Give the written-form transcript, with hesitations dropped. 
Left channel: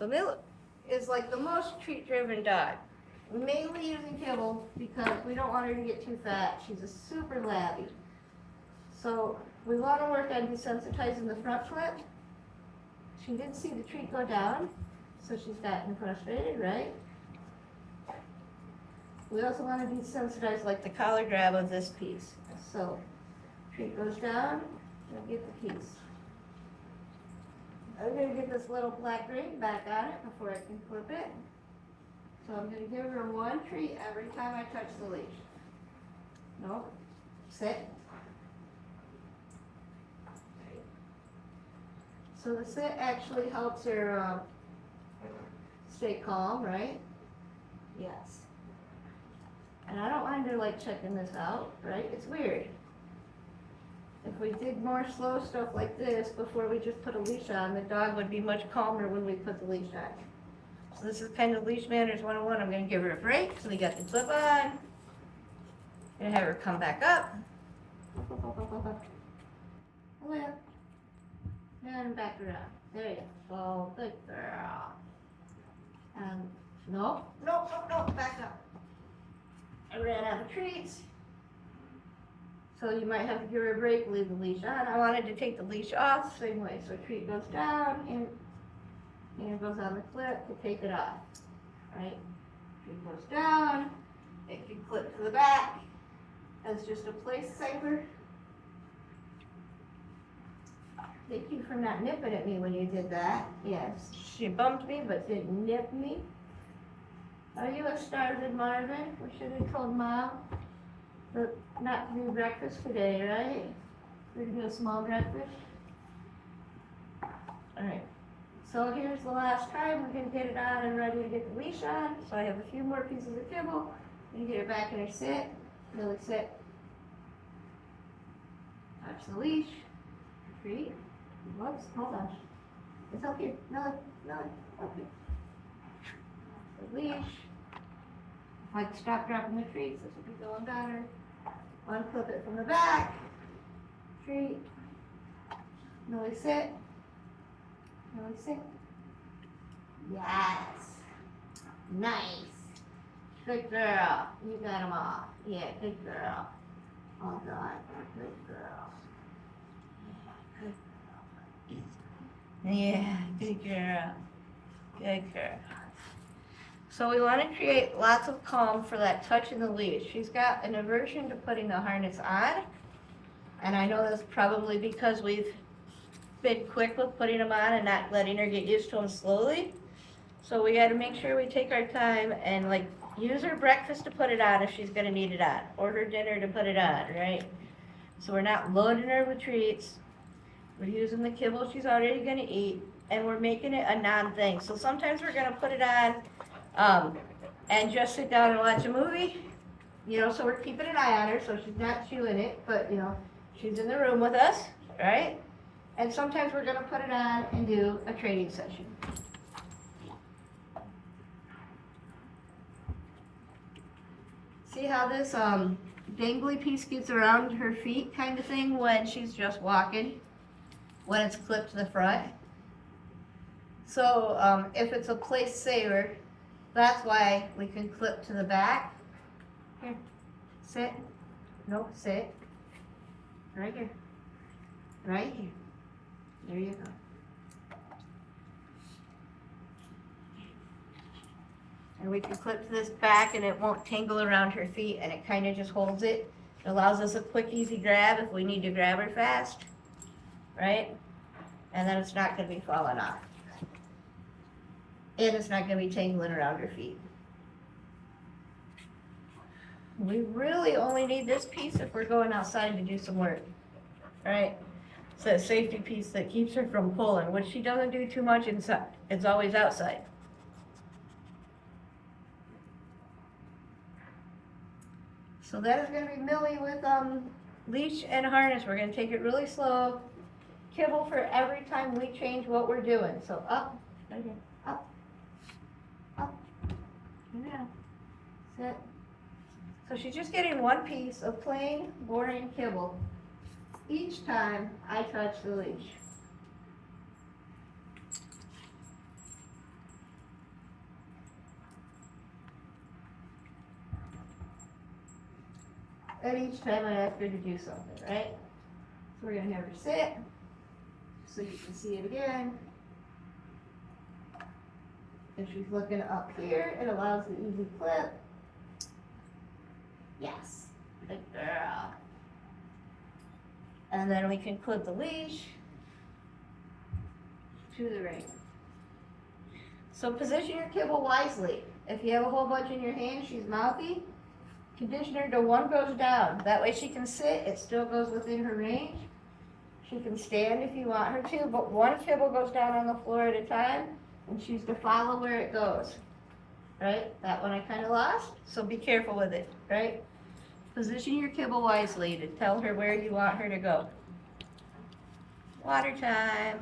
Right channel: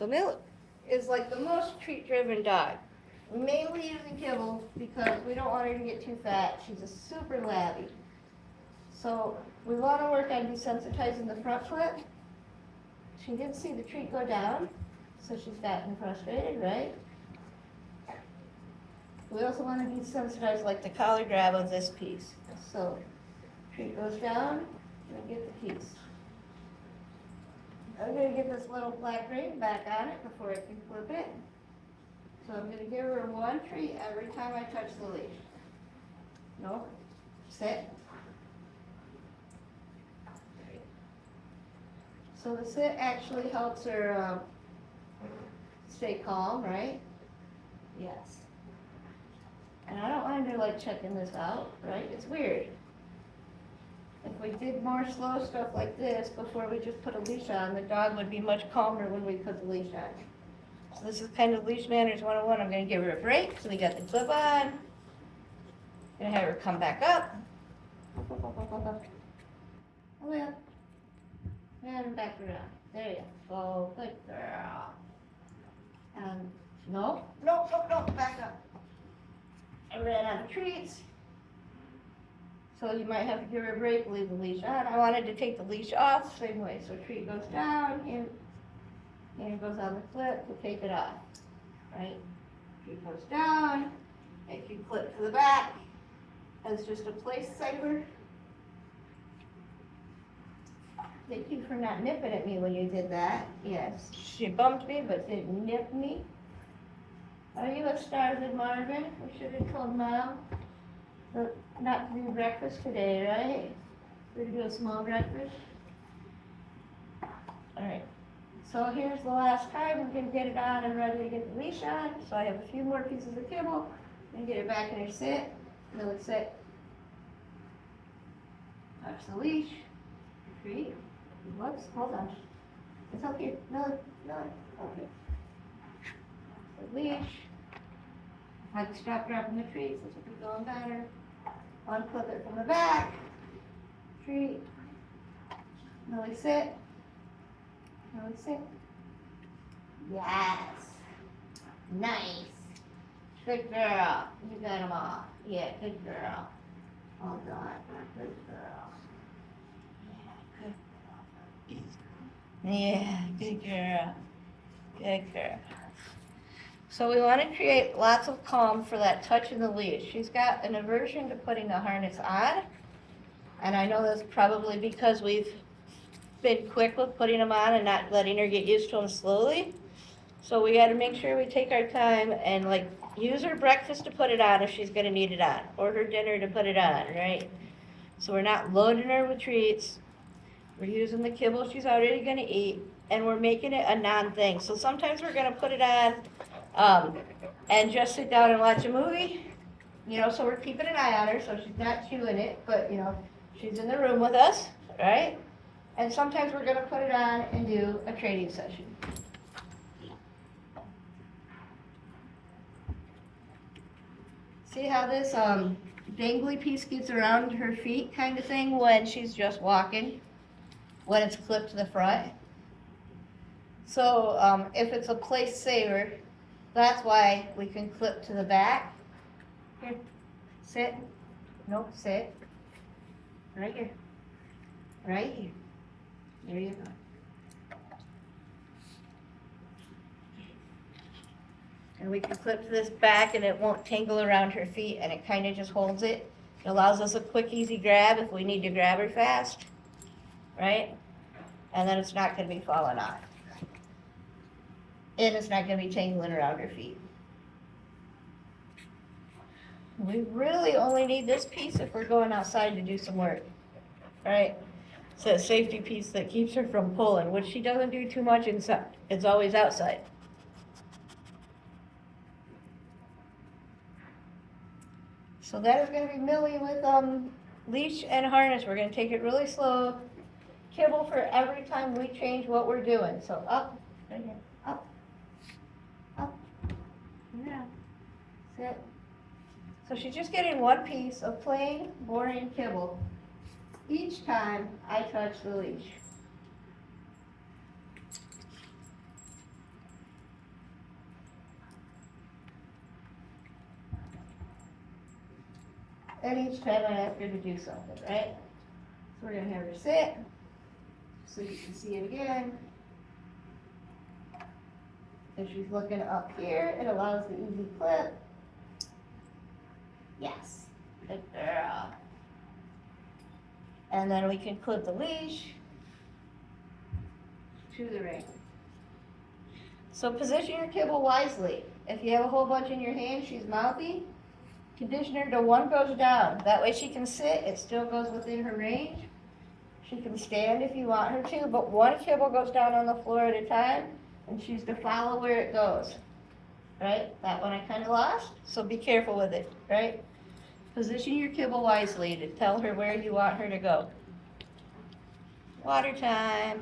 So Millie is like the most treat-driven dog. Mainly using kibble because we don't want her to get too fat. She's a super labby. So we want to work on desensitizing the front foot. She didn't see the treat go down, so she's gotten frustrated, right? We also want to desensitize like the collar grab of this piece. So treat goes down, we'll get the piece. I'm going to get this little black ring back on it before I can flip it. So I'm going to give her one treat every time I touch the leash. No, sit. So the sit actually helps her stay calm, right? Yes. And I don't mind her like checking this out, right? It's weird. If we did more slow stuff like this before we just put a leash on, the dog would be much calmer when we put the leash on. So this is kind of Leash Manners 101. I'm going to give her a break. So we got the clip on. Going to have her come back up. Oh yeah. And back around. There you go. Good girl. No, back up. I ran out of treats. So you might have to give her a break, leave the leash on. I wanted to take the leash off the same way. So treat goes down and it goes on the clip to take it off. Right? Treat goes down. If you clip to the back as just a place saver. Thank you for not nipping at me when you did that. Yes, she bumped me, but didn't nip me. Are you starving, Marvin? We should have told Mom not to do breakfast today, right? We do a small breakfast. All right. So here's the last time we can get it on and ready to get the leash on. So I have a few more pieces of kibble. And get it back in her sit. Millie sit. Touch the leash. Treat. Whoops, hold on. It's up here. No, okay. The leash. If I stop dropping the treats, this will be going better. Unclip it from the back. Treat. Millie sit. Millie sit. Yes. Nice. Good girl. You got them all. Yeah, good girl. Oh God. Good girl. Yeah, good girl. Good girl. So we want to create lots of calm for that touch in the leash. She's got an aversion to putting the harness on. And I know that's probably because we've been quick with putting them on and not letting her get used to them slowly. So we got to make sure we take our time and like use her breakfast to put it on if she's going to need it on. Or her dinner to put it on, right? So we're not loading her with treats. We're using the kibble she's already going to eat, and we're making it a non-thing. So sometimes we're going to put it on and just sit down and watch a movie. You know, so we're keeping an eye on her so she's not chewing it, but, you know, she's in the room with us, right? And sometimes we're going to put it on and do a training session. See how this dangly piece gets around her feet kind of thing when she's just walking? When it's clipped to the front. So if it's a place saver, that's why we can clip to the back. Here, sit. Nope, sit. Right here. Right here. There you go. And we can clip to this back and it won't tangle around her feet and it kind of just holds it. It allows us a quick, easy grab if we need to grab her fast. Right? And then it's not going to be falling off. And it's not going to be tangling around her feet. We really only need this piece if we're going outside to do some work. Right? It's a safety piece that keeps her from pulling, which she doesn't do too much inside. It's always outside. So that is going to be Millie with leash and harness. We're going to take it really slow. Kibble for every time we change what we're doing. So up, right here, up, yeah, sit. So she's just getting one piece of plain, boring kibble each time I touch the leash. and each time I ask her to do something, right? So we're gonna have her sit, so you can see it again. If she's looking up here, it allows the easy clip. Yes, good girl. And then we can clip the leash to the ring. So position your kibble wisely. If you have a whole bunch in your hand, she's mouthy, condition her to one goes down. That way she can sit, it still goes within her range. She can stand if you want her to, but one kibble goes down on the floor at a time, and she's to follow where it goes. Right? That one I kind of lost, so be careful with it, right? Position your kibble wisely to tell her where you want her to go. Water time.